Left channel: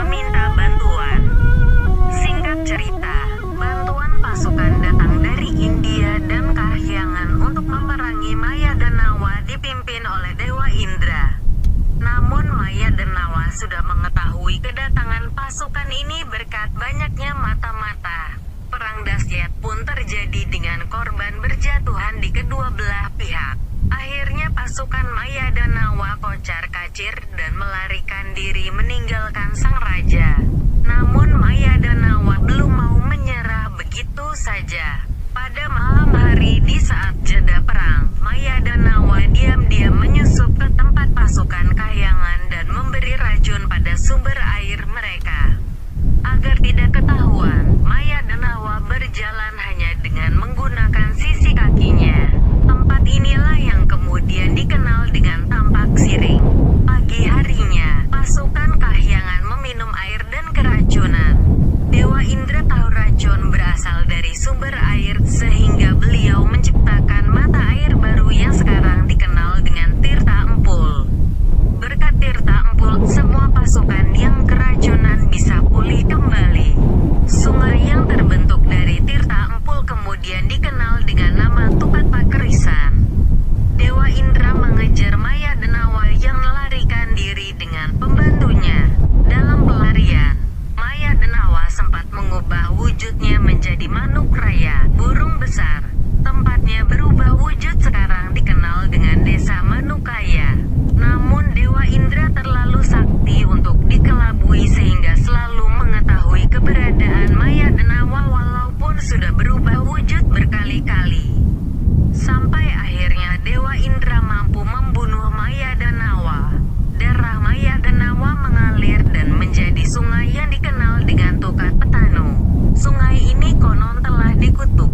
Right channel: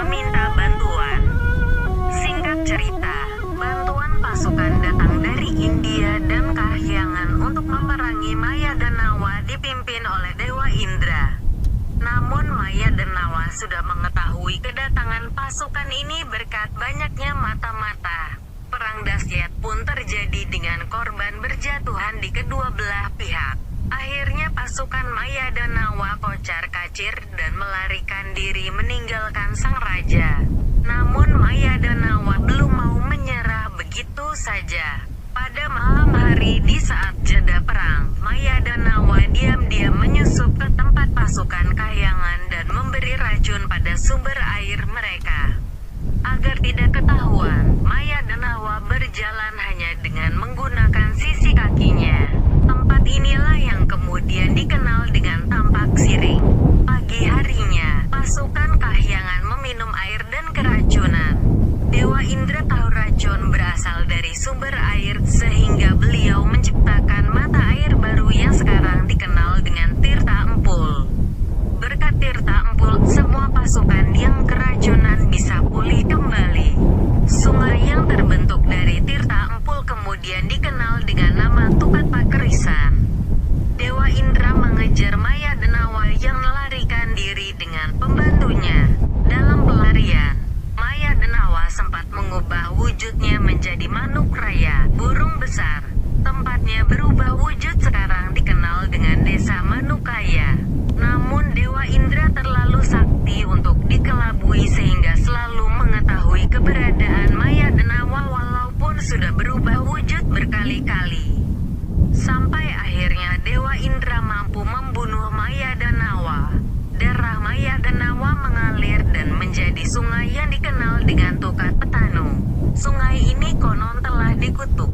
meminta bantuan. Singkat cerita, bantuan pasukan datang dari India dan Kahyangan untuk memerangi Maya dan Nawa dipimpin oleh Dewa Indra. Namun Maya dan Nawa sudah mengetahui kedatangan pasukan ini berkat banyaknya mata-mata. Perang dahsyat pun terjadi dengan korban berjatuhan di kedua belah pihak. Akhirnya pasukan Maya dan Nawa kocar-kacir dan melarikan diri meninggalkan sang raja. Namun Maya dan Nawa belum mau menyerah begitu saja. Pada malam hari di saat jeda perang, Maya dan Nawa diam-diam menyusup ke tempat pasukan Kahyangan dan memberi racun pada sumber air mereka. Agar tidak ketahuan, Maya dan Nawa berjalan hanya dengan menggunakan sisi kakinya. Tempat inilah yang kemudian dikenal dengan Tampak Siring. Pagi harinya, pasukan Kahyangan meminum air dan keracunan. Dewa Indra tahu racun berasal dari sumber air, sehingga beliau menciptakan mata air baru yang sekarang dikenal dengan Tirta Empul. Berkat Tirta Empul, semua pasukan yang keracunan bisa pulih kembali. Sungai yang terbentuk dari Tirta Empul kemudian dikenal dengan nama Tukat Pakerisan. Dewa Indra mengejar Maya dan Nawa yang melarikan diri dengan pembantunya. Dalam pelarian, Maya dan Nawa sempat mengubah wujudnya menjadi manuk raya, burung besar. Tempatnya berubah wujud sekarang dikenal dengan Desa Manukaya. Namun Dewa Indra terlalu sakti untuk dikelabui sehingga selalu mengetahui keberadaan Maya dan Nawa walaupun sudah berubah wujud berkali-kali. Sampai akhirnya Dewa Indra mampu membunuh Maya dan Nawa. Darah Maya dan Nawa mengalir dan menjadi sungai yang dikenal dengan Tukat Petanu. Sungai ini konon telah dikutuk